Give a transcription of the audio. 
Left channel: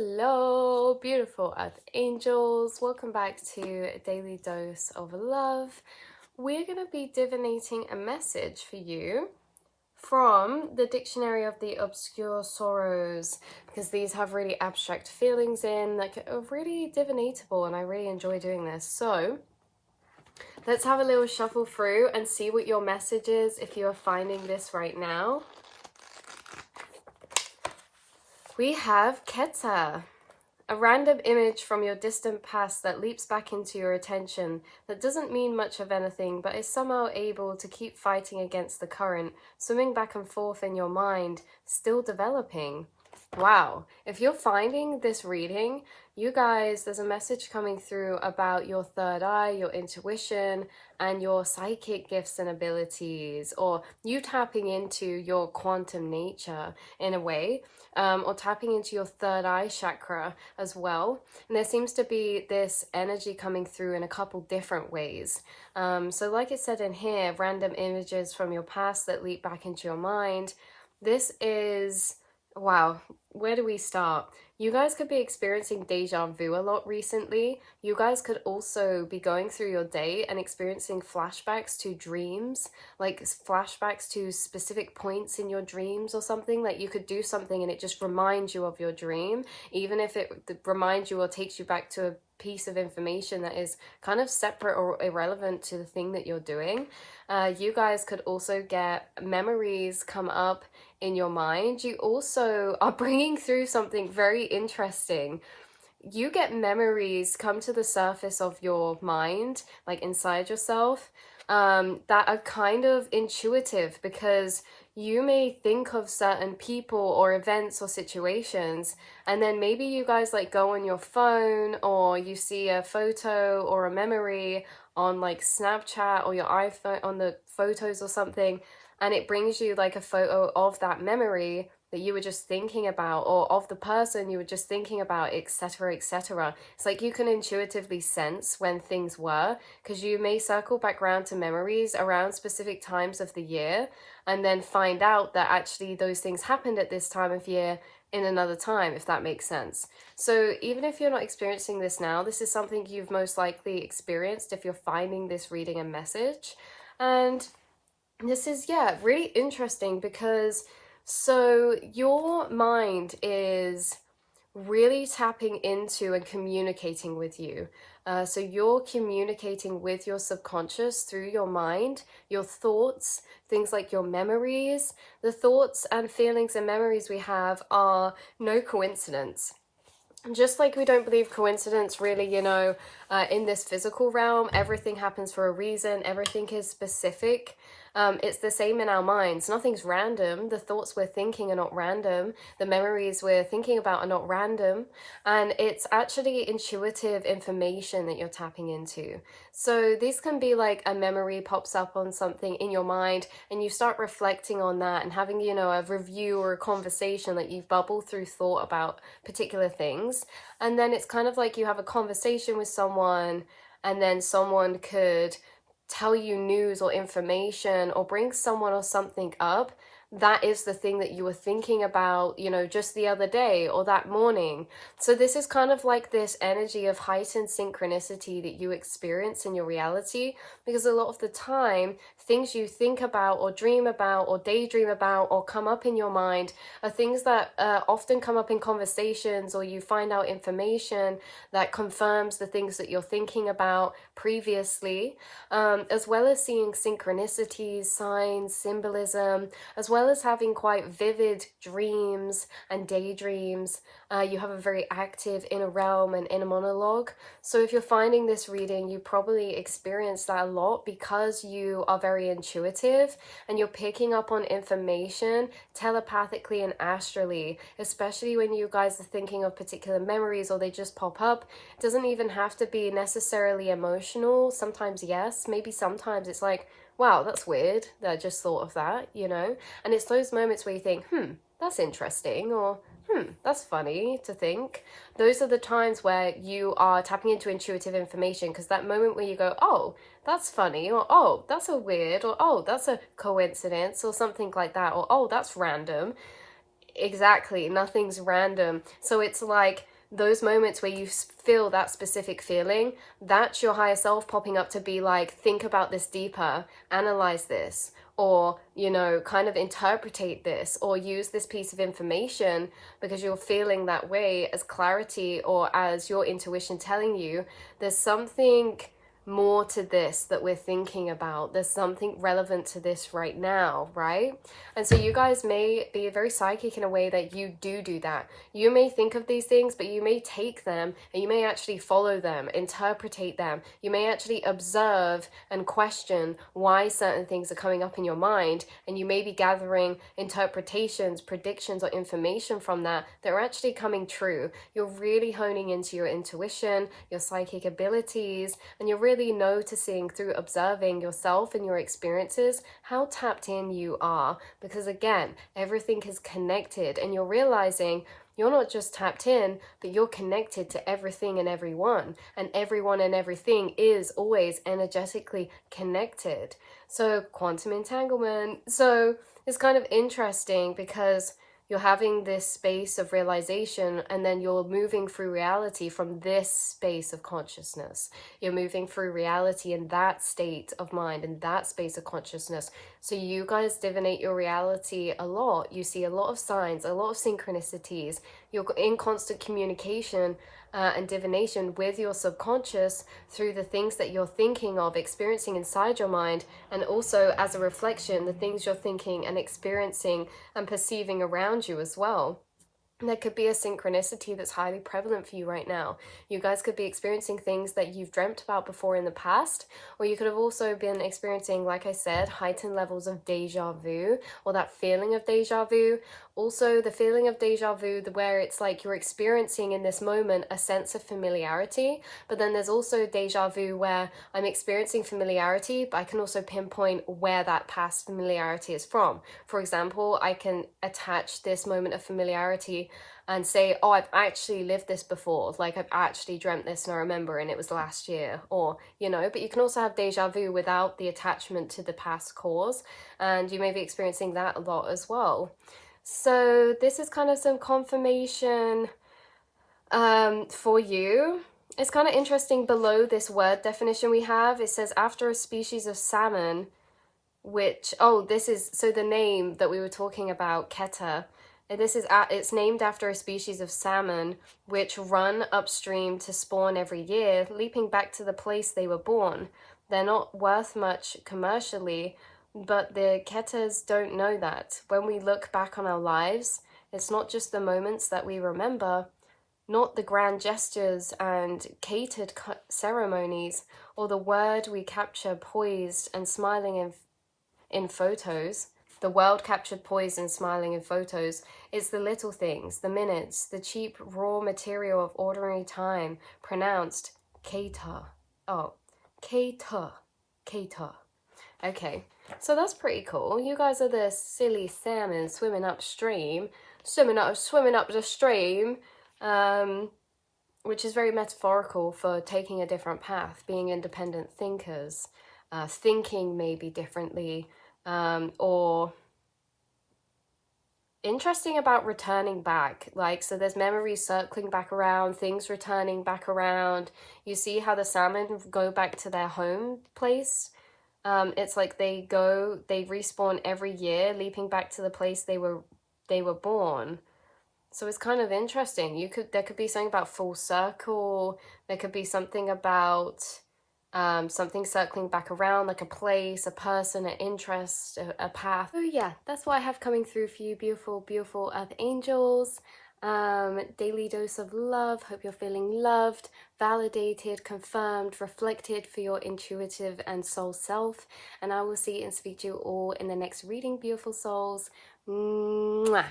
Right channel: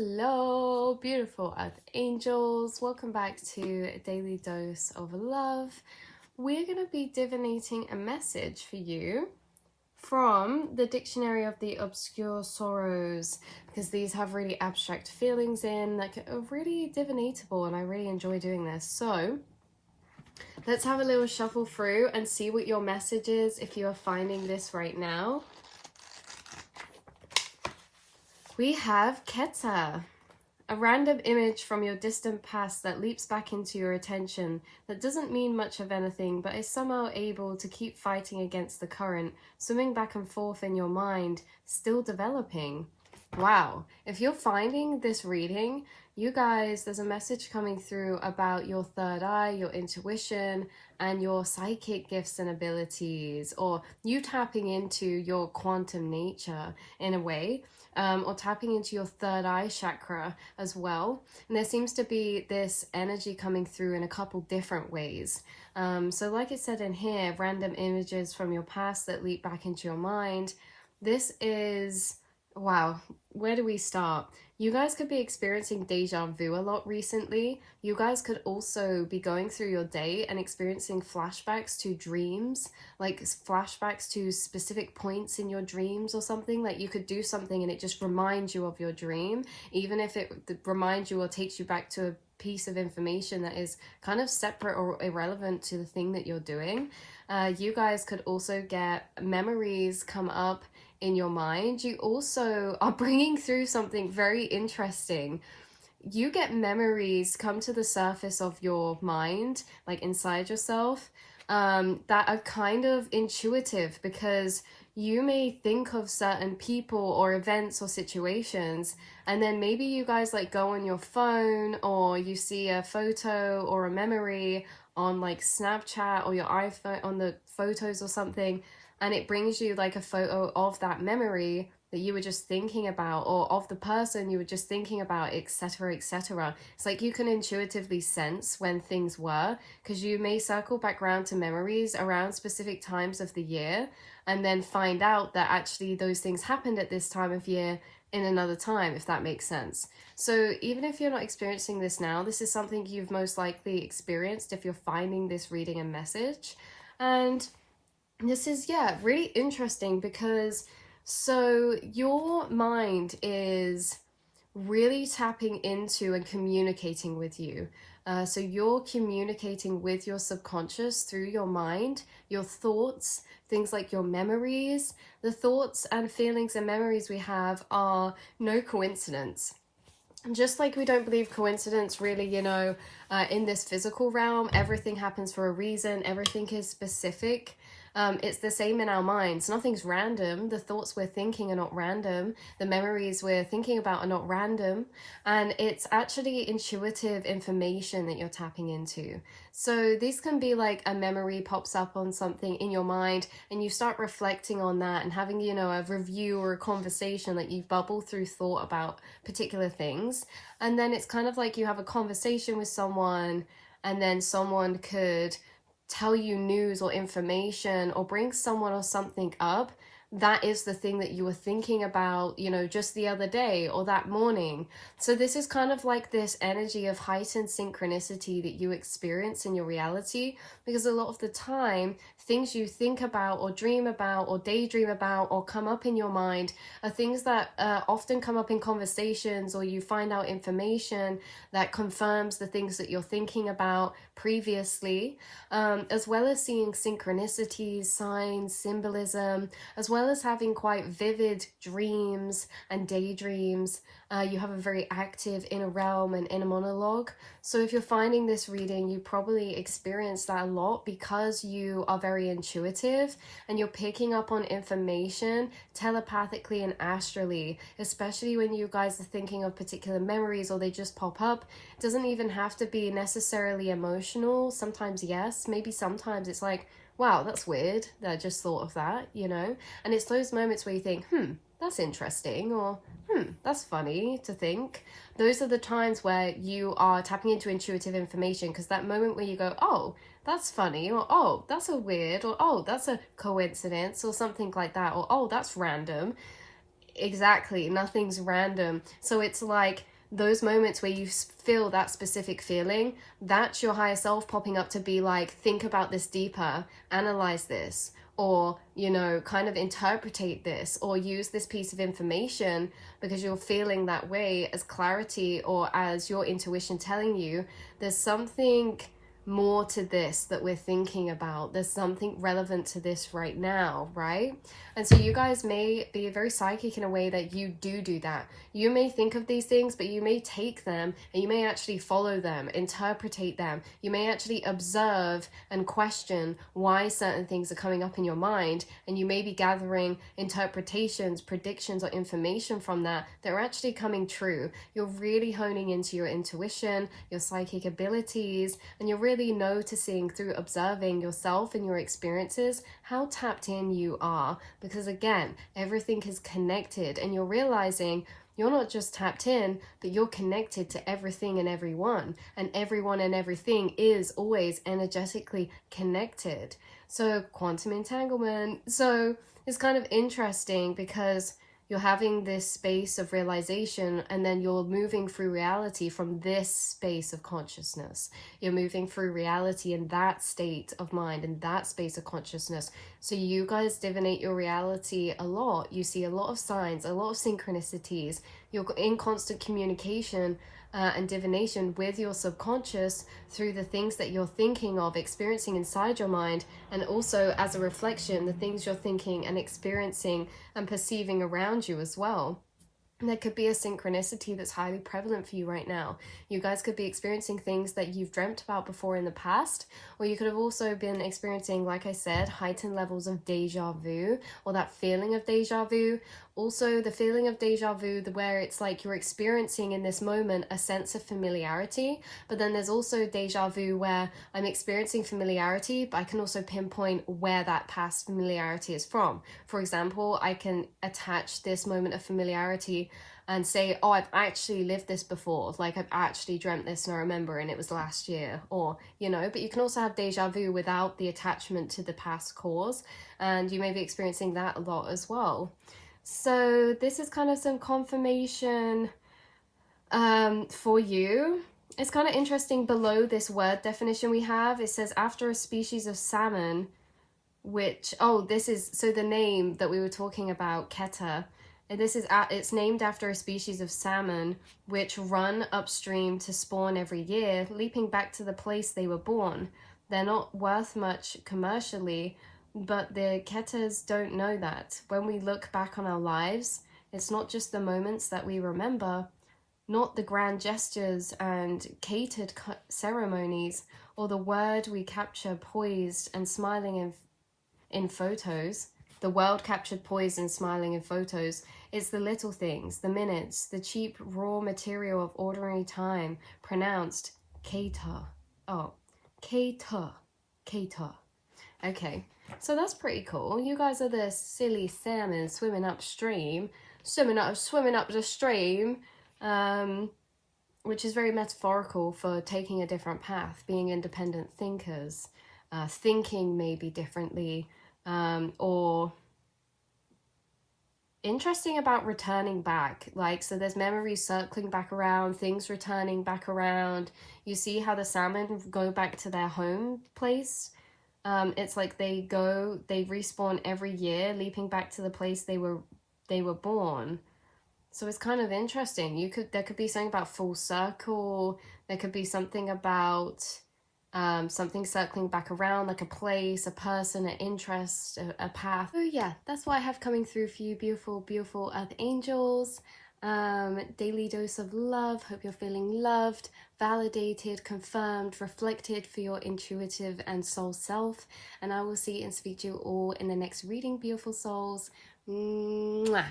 Hello, beautiful earth angels. Welcome back to a daily dose of love. We're going to be divinating a message for you from the Dictionary of the Obscure Sorrows, because these have really abstract feelings in that are really divinatable, and I really enjoy doing this. So let's have a little shuffle through and see what your message is if you are finding this right now. We have Keta. A random image from your distant past that leaps back into your attention that doesn't mean much of anything but is somehow able to keep fighting against the current, swimming back and forth in your mind, still developing. Wow, if you're finding this reading, you guys, there's a message coming through about your third eye, your intuition, and your psychic gifts and abilities, or you tapping into your quantum nature in a way. Or tapping into your third eye chakra as well. And there seems to be this energy coming through in a couple different ways. So like it said in here, random images from your past that leap back into your mind. This is, wow, where do we start? You guys could be experiencing deja vu a lot recently. You guys could also be going through your day and experiencing flashbacks to dreams, like flashbacks to specific points in your dreams or something. Like you could do something and it just reminds you of your dream, even if it reminds you or takes you back to a piece of information that is kind of separate or irrelevant to the thing that you're doing. You guys could also get memories come up in your mind. You also are bringing through something very interesting. You get memories come to the surface of your mind, like inside yourself, that are kind of intuitive, because you may think of certain people or events or situations, and then maybe you guys like go on your phone, or you see a photo or a memory on like Snapchat or your iPhone on the photos or something, and it brings you like a photo of that memory that you were just thinking about, or of the person you were just thinking about, etc., etc. It's like you can intuitively sense when things were, because you may circle back around to memories around specific times of the year and then find out that actually those things happened at this time of year in another time, if that makes sense. So even if you're not experiencing this now, this is something you've most likely experienced if you're finding this reading a message. And this is, yeah, really interesting, because so your mind is really tapping into and communicating with you. So you're communicating with your subconscious through your mind, your thoughts, things like your memories. The thoughts and feelings and memories we have are no coincidence. Just like we don't believe coincidence really, in this physical realm, everything happens for a reason, everything is specific. It's the same in our minds. Nothing's random. The thoughts we're thinking are not random. The memories we're thinking about are not random. And it's actually intuitive information that you're tapping into. So this can be like a memory pops up on something in your mind, and you start reflecting on that and having, a review or a conversation, like you bubble through thought about particular things. And then it's kind of like you have a conversation with someone, and then someone could tell you news or information or bring someone or something up that is the thing that you were thinking about, just the other day or that morning. So this is kind of like this energy of heightened synchronicity that you experience in your reality, because a lot of the time, things you think about or dream about or daydream about or come up in your mind are things that often come up in conversations, or you find out information that confirms the things that you're thinking about previously, as well as seeing synchronicities, signs, symbolism, as well as having quite vivid dreams and daydreams. You have a very active inner realm and inner monologue. So if you're finding this reading, you probably experience that a lot, because you are very intuitive and you're picking up on information telepathically and astrally, especially when you guys are thinking of particular memories or they just pop up. It doesn't even have to be necessarily emotional. Sometimes yes, maybe sometimes it's like, wow, that's weird that I just thought of that, And it's those moments where you think, that's interesting, or that's funny to think. Those are the times where you are tapping into intuitive information, because that moment where you go, oh, that's funny, or oh, that's a weird, or oh, that's a coincidence, or something like that, or oh, that's random. Exactly, nothing's random. So it's like those moments where you feel that specific feeling, that's your higher self popping up to be like, think about this deeper, analyze this, or, you know, kind of interpretate this, or use this piece of information because you're feeling that way as clarity or as your intuition telling you there's something more to this that we're thinking about. There's something relevant to this right now, right? And so you guys may be very psychic in a way that you do that. You may think of these things, but you may take them and you may actually follow them, interpretate them. You may actually observe and question why certain things are coming up in your mind, and you may be gathering interpretations, predictions, or information from that are actually coming true. You're really honing into your intuition, your psychic abilities, and you're really noticing through observing yourself and your experiences how tapped in you are, because again, everything is connected, and you're realizing you're not just tapped in, but you're connected to everything and everyone, and everyone and everything is always energetically connected. So quantum entanglement. So it's kind of interesting because you're having this space of realization, and then you're moving through reality from this space of consciousness. You're moving through reality in that state of mind, in that space of consciousness. So you guys divinate your reality a lot. You see a lot of signs, a lot of synchronicities. You're in constant communication and divination with your subconscious through the things that you're thinking of, experiencing inside your mind, and also as a reflection, the things you're thinking and experiencing and perceiving around you as well. There could be a synchronicity that's highly prevalent for you right now. You guys could be experiencing things that you've dreamt about before in the past, or you could have also been experiencing, like I said, heightened levels of deja vu, or that feeling of deja vu. Also, the feeling of deja vu, where it's like you're experiencing in this moment a sense of familiarity, but then there's also deja vu where I'm experiencing familiarity, but I can also pinpoint where that past familiarity is from. For example, I can attach this moment of familiarity and say, oh, I've actually lived this before, like I've actually dreamt this and I remember, and it was last year, or, you know. But you can also have deja vu without the attachment to the past cause, and you may be experiencing that a lot as well. So this is kind of some confirmation for you. It's kind of interesting, below this word definition we have, it says after a species of salmon, which, oh, this is, so the name that we were talking about, Keta, and this is, it's named after a species of salmon which run upstream to spawn every year, leaping back to the place they were born. They're not worth much commercially, but the Ketas don't know that. When we look back on our lives, it's not just the moments that we remember, not the grand gestures and catered ceremonies, or the word we capture poised and smiling in photos. The world captured poised and smiling in photos. It's the little things, the minutes, the cheap raw material of ordinary time, pronounced Keta. Oh, Keta. Keta. Okay, so that's pretty cool. You guys are the silly salmon swimming upstream, swimming up the stream, which is very metaphorical for taking a different path, being independent thinkers, thinking maybe differently, or interesting about returning back. Like, so there's memories circling back around, things returning back around. You see how the salmon go back to their home place. It's like they respawn every year, leaping back to the place they were born. So it's kind of interesting. There could be something about full circle. There could be something about something circling back around, like a place, a person, an interest, a path. So yeah, that's what I have coming through for you, beautiful, beautiful earth angels. Daily dose of love. Hope you're feeling loved, validated, confirmed, reflected for your intuitive and soul self. And I will see and speak to you all in the next reading, beautiful souls. Mwah.